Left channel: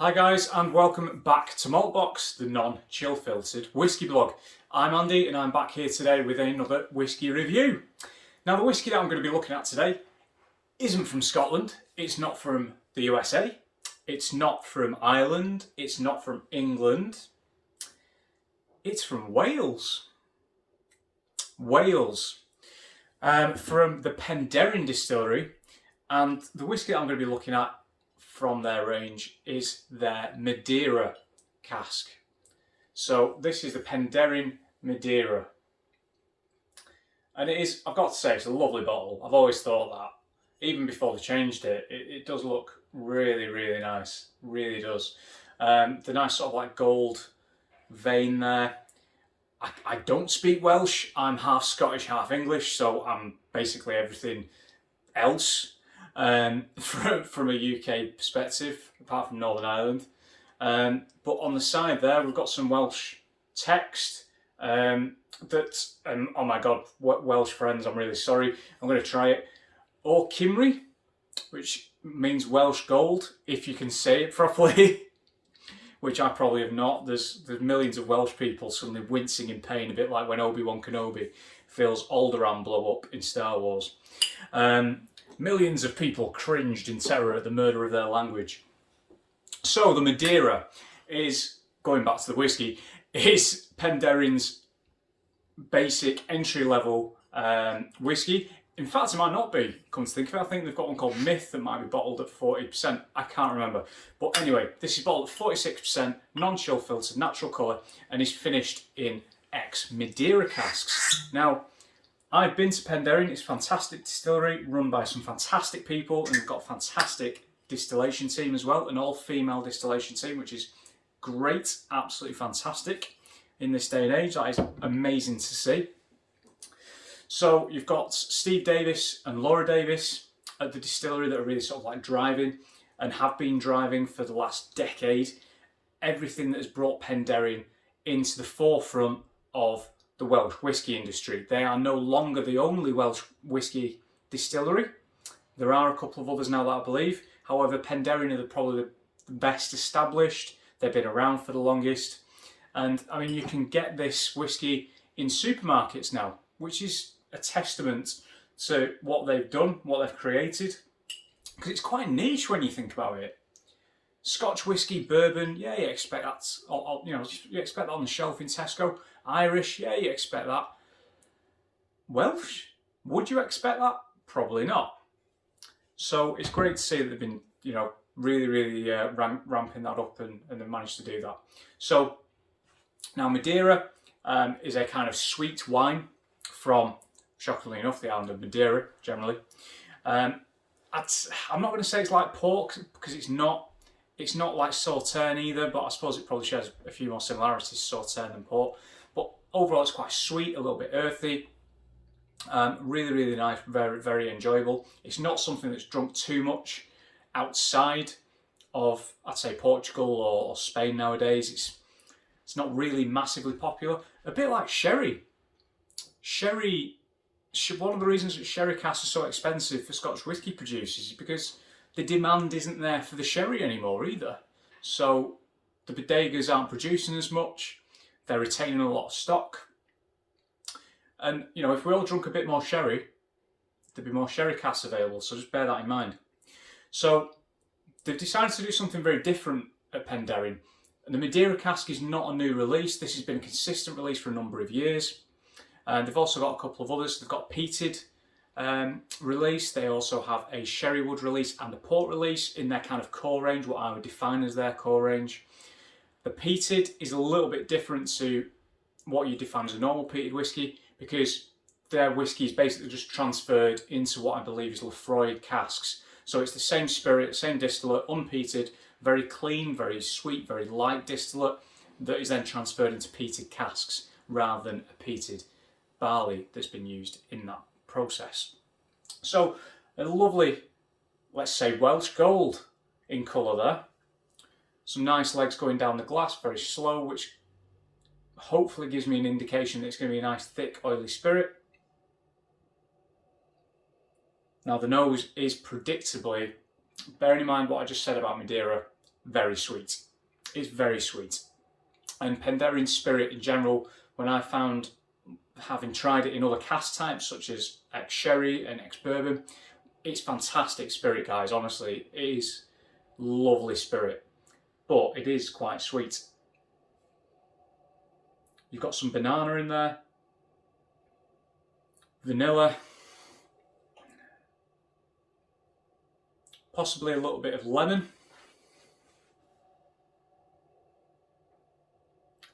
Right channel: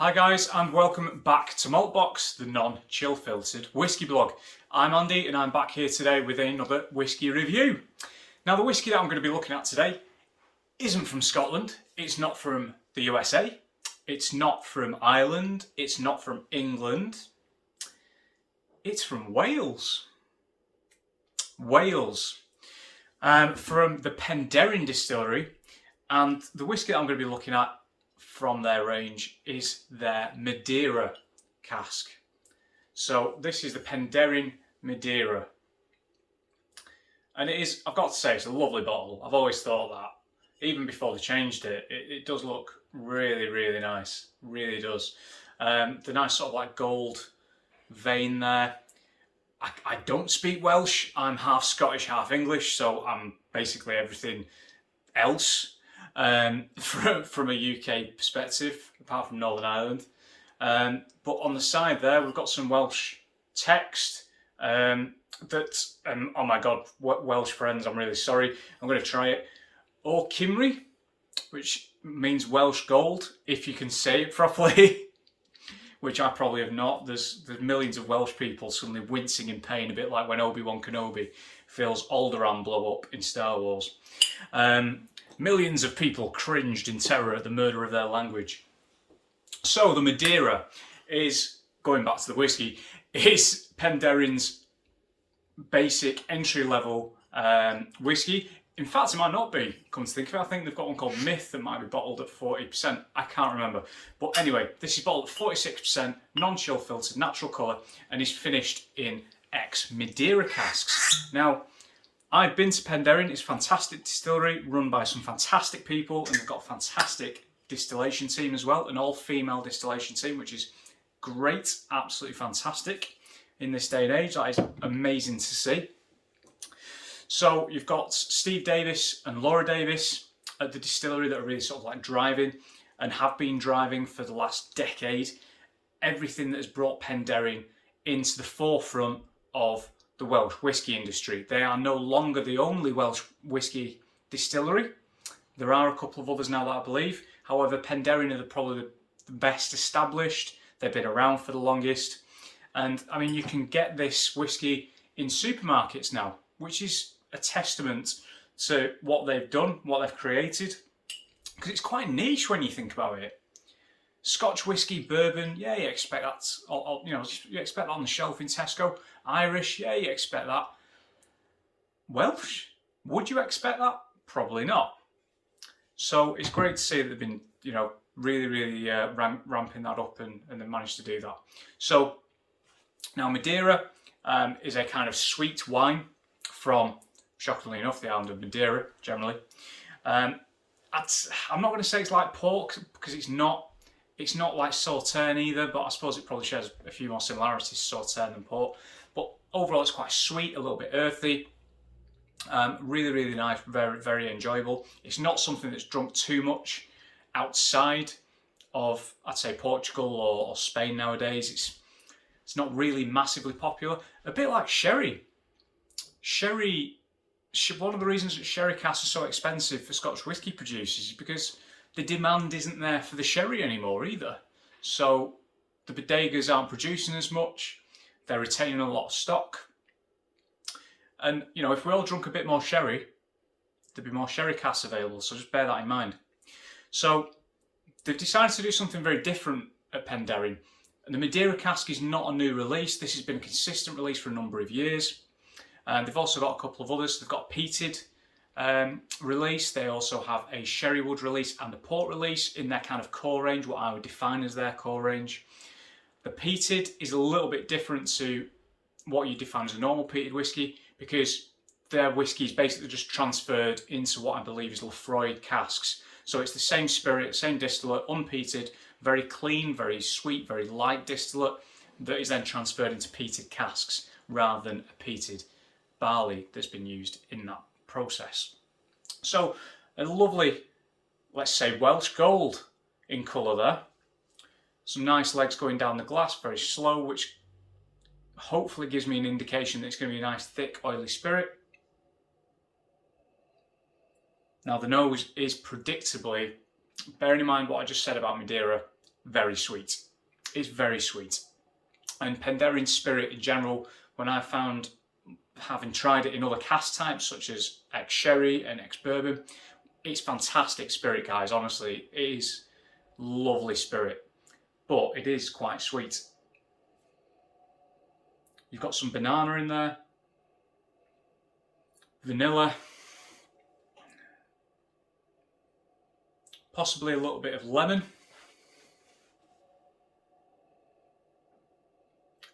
Hi guys, and welcome back to Maltbox, the non-chill filtered whiskey blog. I'm Andy and I'm back here today with another whiskey review. Now the whiskey that I'm going to be looking at today isn't from Scotland, it's not from the USA, it's not from Ireland, it's not from England, it's from Wales. From the Penderyn Distillery, and the whiskey that I'm going to be looking at from their range is their Madeira cask. So this is the Penderyn Madeira. And it is, I've got to say, it's a lovely bottle. I've always thought that. Even before they changed it, it does look really, really nice. Really does. The nice sort of like gold vein there. I don't speak Welsh. I'm half Scottish, half English, so I'm basically everything else. From a UK perspective, apart from Northern Ireland. But on the side there, we've got some Welsh text that, oh my God, Welsh friends, I'm really sorry. I'm going to try it. O Cymru, which means Welsh gold, if you can say it properly, which I probably have not. There's millions of Welsh people suddenly wincing in pain, a bit like when Obi-Wan Kenobi feels Alderaan blow up in Star Wars. Millions of people cringed in terror at the murder of their language. So the Madeira is, going back to the whiskey, is Penderyn's basic entry-level whiskey. In fact, it might not be, come to think of it. I think they've got one called Myth that might be bottled at 40%. I can't remember. But anyway, this is bottled at 46%, non-chill filtered, natural colour, and is finished in ex-Madeira casks. Now, I've been to Penderyn. It's a fantastic distillery run by some fantastic people, and they've got a fantastic distillation team as well, an all-female distillation team, which is great, absolutely fantastic in this day and age. That is amazing to see. So you've got Steve Davis and Laura Davis at the distillery that are really sort of like driving and have been driving for the last decade. Everything that has brought Penderyn into the forefront of the Welsh whisky industry. They are no longer the only Welsh whisky distillery. There are a couple of others now that I believe. However, Penderyn are probably the best established. They've been around for the longest. And I mean, you can get this whisky in supermarkets now, which is a testament to what they've done, what they've created. Because it's quite niche when you think about it. Scotch whisky, bourbon, yeah, you expect that. You expect that on the shelf in Tesco. Irish, yeah, you expect that. Welsh, would you expect that? Probably not. So it's great to see that they've been, really ramping that up and they've managed to do that. So now Madeira is a kind of sweet wine from, shockingly enough, the island of Madeira generally. I'm not going to say it's like pork because it's not. It's not like Sauterne either, but I suppose it probably shares a few more similarities to Sauterne than port. But overall, it's quite sweet, a little bit earthy. Really, really nice, very, very enjoyable. It's not something that's drunk too much outside of, I'd say, Portugal or Spain nowadays. It's not really massively popular. A bit like sherry. One of the reasons that sherry casks are so expensive for Scotch whisky producers is because the demand isn't there for the sherry anymore either. So the bodegas aren't producing as much. They're retaining a lot of stock. And, if we all drunk a bit more sherry, there'd be more sherry casks available. So just bear that in mind. So they've decided to do something very different at Penderyn. And the Madeira cask is not a new release. This has been a consistent release for a number of years. And they've also got a couple of others. They've got a peated release. They also have a sherry wood release and a port release in their kind of core range, what I would define as their core range. The peated is a little bit different to what you define as a normal peated whiskey because their whiskey is basically just transferred into what I believe is Lefroy casks. So it's the same spirit, same distillate, unpeated, very clean, very sweet, very light distillate that is then transferred into peated casks rather than a peated barley that's been used in that process. So a lovely, let's say, Welsh gold in colour there. Some nice legs going down the glass, very slow, which hopefully gives me an indication that it's going to be a nice, thick, oily spirit. Now the nose is predictably, bearing in mind what I just said about Madeira, very sweet. It's very sweet. And Penderyn Spirit in general, when I found, having tried it in other cask types such as ex-sherry and ex-bourbon, it's fantastic spirit, guys. Honestly, it is lovely spirit, but it is quite sweet. You've got some banana in there, vanilla, possibly a little bit of lemon.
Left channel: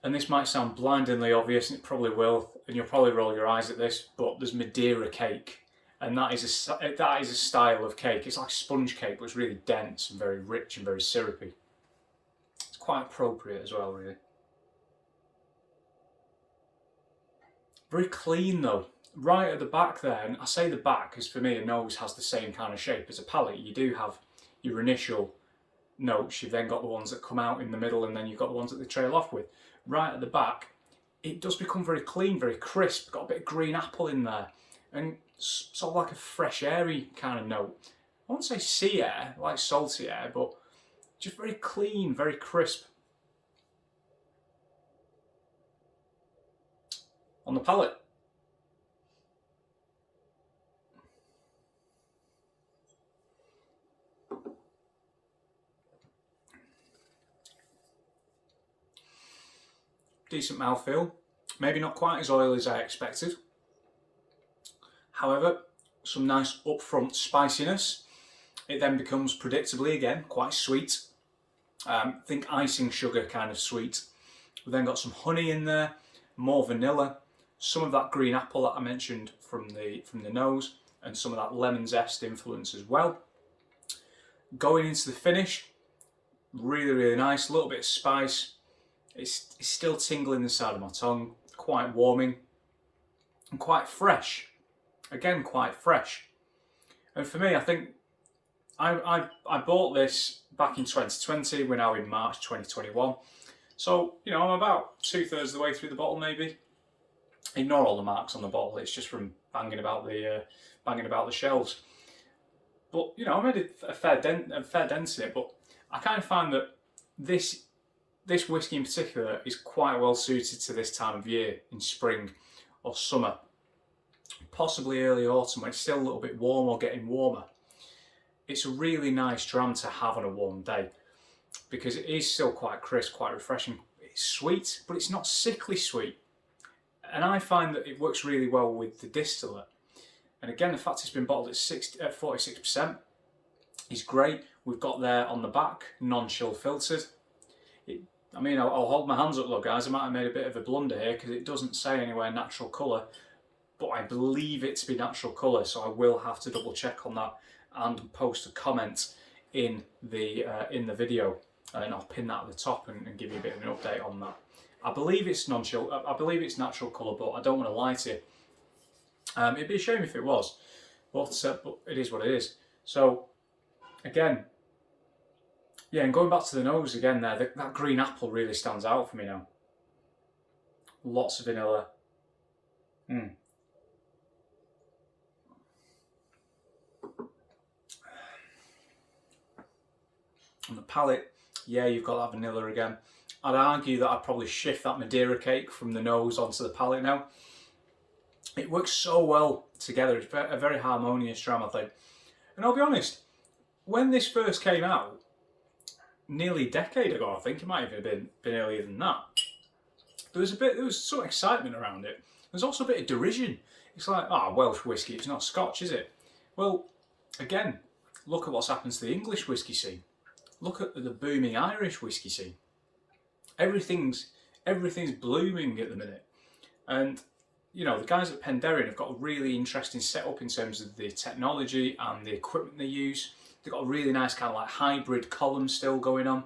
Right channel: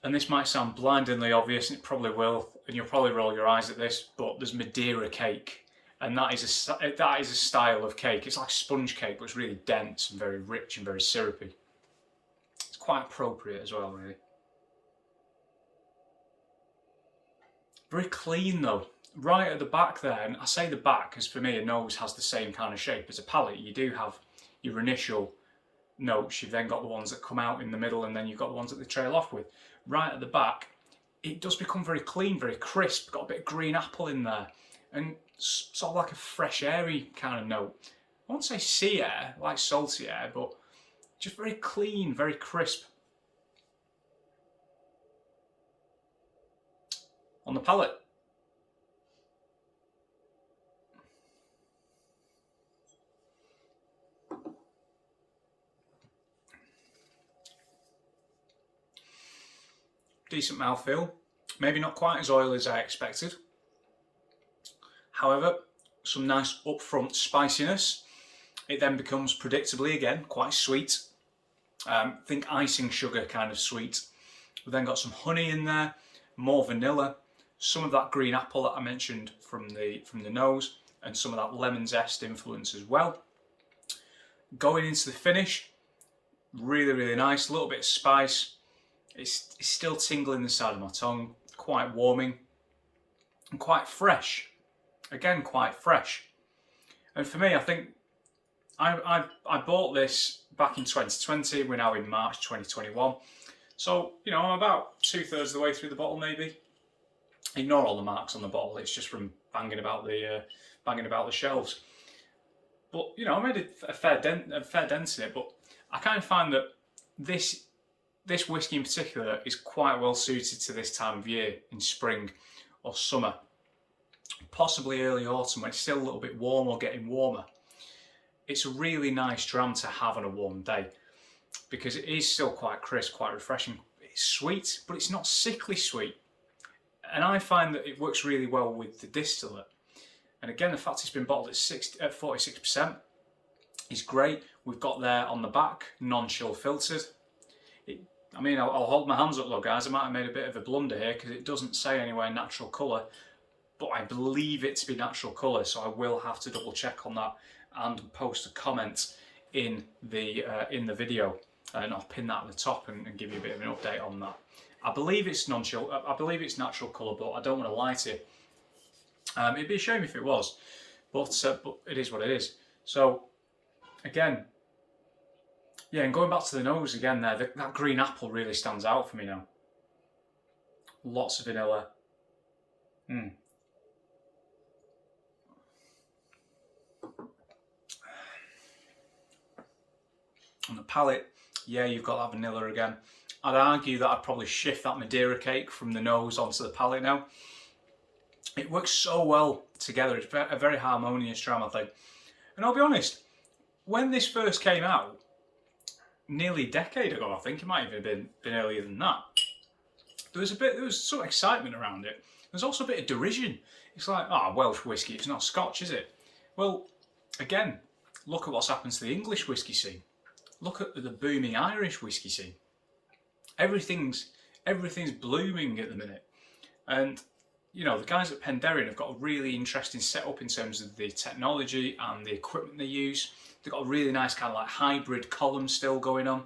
And this might sound blindingly obvious, and it probably will, and you'll probably roll your eyes at this, but there's Madeira cake. And that is a style of cake. It's like sponge cake, but it's really dense and very rich and very syrupy. It's quite appropriate as well, really. Very clean though. Right at the back there, and I say the back because for me a nose has the same kind of shape as a palate. You do have your initial notes, you've then got the ones that come out in the middle, and then you've got the ones that they trail off with. Right at the back, it does become very clean, very crisp, got a bit of green apple in there, and sort of like a fresh, airy kind of note. I won't say sea air, like salty air, but just very clean, very crisp. On the palate, decent mouthfeel, maybe not quite as oily as I expected. However, some nice upfront spiciness. It then becomes predictably again quite sweet. Think icing sugar kind of sweet. We've then got some honey in there, more vanilla, some of that green apple that I mentioned from the nose, and some of that lemon zest influence as well. Going into the finish, really, really nice. A little bit of spice. It's still tingling the side of my tongue, quite warming and quite fresh. Again, quite fresh. And for me, I think I bought this back in 2020. We're now in March 2021. So, you know, I'm about 2/3 of the way through the bottle, maybe. Ignore all the marks on the bottle. It's just from banging about the shelves. But, you know, I made a fair dent in it. But I kind of find that this whiskey in particular is quite well suited to this time of year, in spring or summer, possibly early autumn, when it's still a little bit warm or getting warmer. It's a really nice dram to have on a warm day because it is still quite crisp, quite refreshing. It's sweet, but it's not sickly sweet. And I find that it works really well with the distillate. And again, the fact it's been bottled at 46% is great. We've got there on the back, non-chill filtered. I mean, I'll hold my hands up though, guys. I might have made a bit of a blunder here because it doesn't say anywhere natural colour, but I believe it to be natural colour, so I will have to double check on that and post a comment in the video, and I'll pin that at the top and give you a bit of an update on that. I believe it's non-chill. I believe it's natural colour, but I don't want to lie to you. It'd be a shame if it was, but it is what it is. So again. Yeah, and going back to the nose again there, that green apple really stands out for me now. Lots of vanilla. On the palate, yeah, you've got that vanilla again. I'd argue that I'd probably shift that Madeira cake from the nose onto the palate now. It works so well together. It's a very harmonious dram, I think. And I'll be honest, when this first came out, nearly a decade ago, I think it might have even been earlier than that, there was some excitement around it. There's also a bit of derision. It's like, Welsh whiskey, it's not Scotch, is it? Well, again, look at what's happened to the English whiskey scene. Look at the booming Irish whiskey scene. Everything's blooming at the minute. And, you know, the guys at Penderyn have got a really interesting setup in terms of the technology and the equipment they use. They've got a really nice kind of like hybrid column still going on,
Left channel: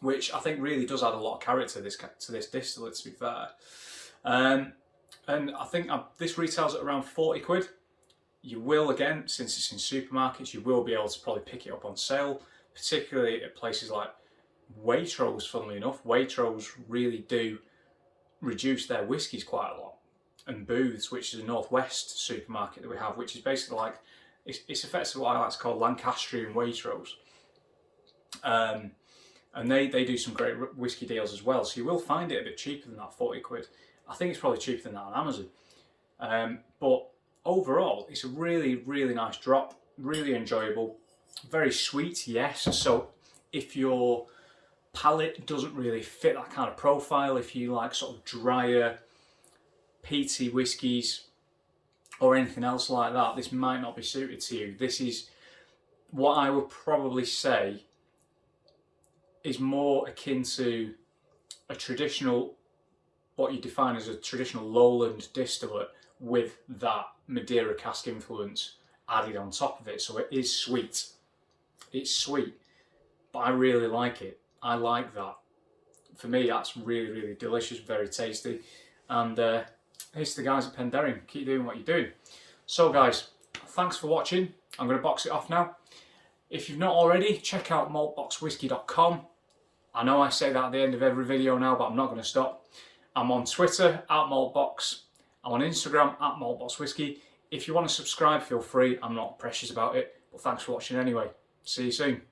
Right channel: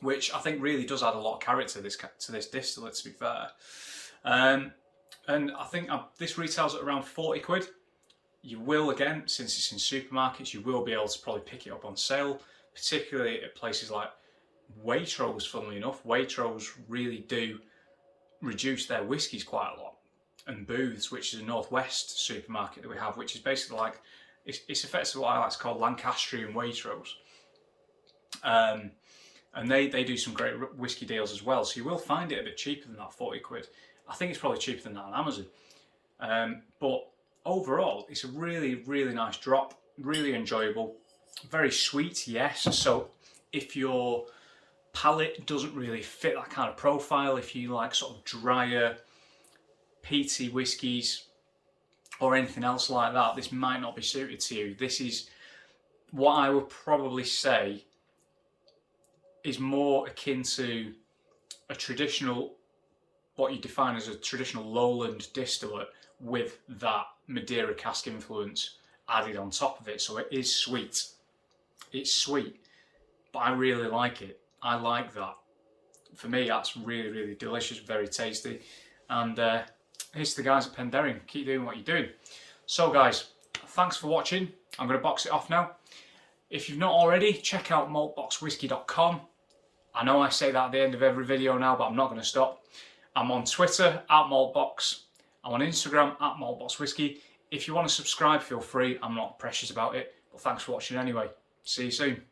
which I think really does add a lot of character to this distillate, to be fair. And I think this retails at around 40 quid. You will, again, since it's in supermarkets, you will be able to probably pick it up on sale, particularly at places like Waitrose, funnily enough. Waitrose really do reduce their whiskies quite a lot. And Booths, which is a Northwest supermarket that we have, which is basically like, it's effectively what I like to call Lancastrian Waitrose. And they do some great whiskey deals as well. So you will find it a bit cheaper than that, 40 quid. I think it's probably cheaper than that on Amazon. But overall, it's a really, really nice drop. Really enjoyable. Very sweet, yes. So if your palate doesn't really fit that kind of profile, if you like sort of drier, peaty whiskies or anything else like that, this might not be suited to you. This is what I would probably say is more akin to a traditional, what you define as a traditional lowland distillate with that Madeira cask influence added on top of it. So it is sweet. It's sweet, but I really like it. I like that. For me, that's really, really delicious, very tasty. And here's to the guys at Penderyn. Keep doing what you're doing. So guys, thanks for watching. I'm going to box it off now. If you've not already, check out maltboxwhisky.com. I know I say that at the end of every video now, but I'm not going to stop. I'm on Twitter, @maltbox. I'm on Instagram, @maltboxwhisky. If you want to subscribe, feel free. I'm not precious about it. But thanks for watching anyway. See you soon.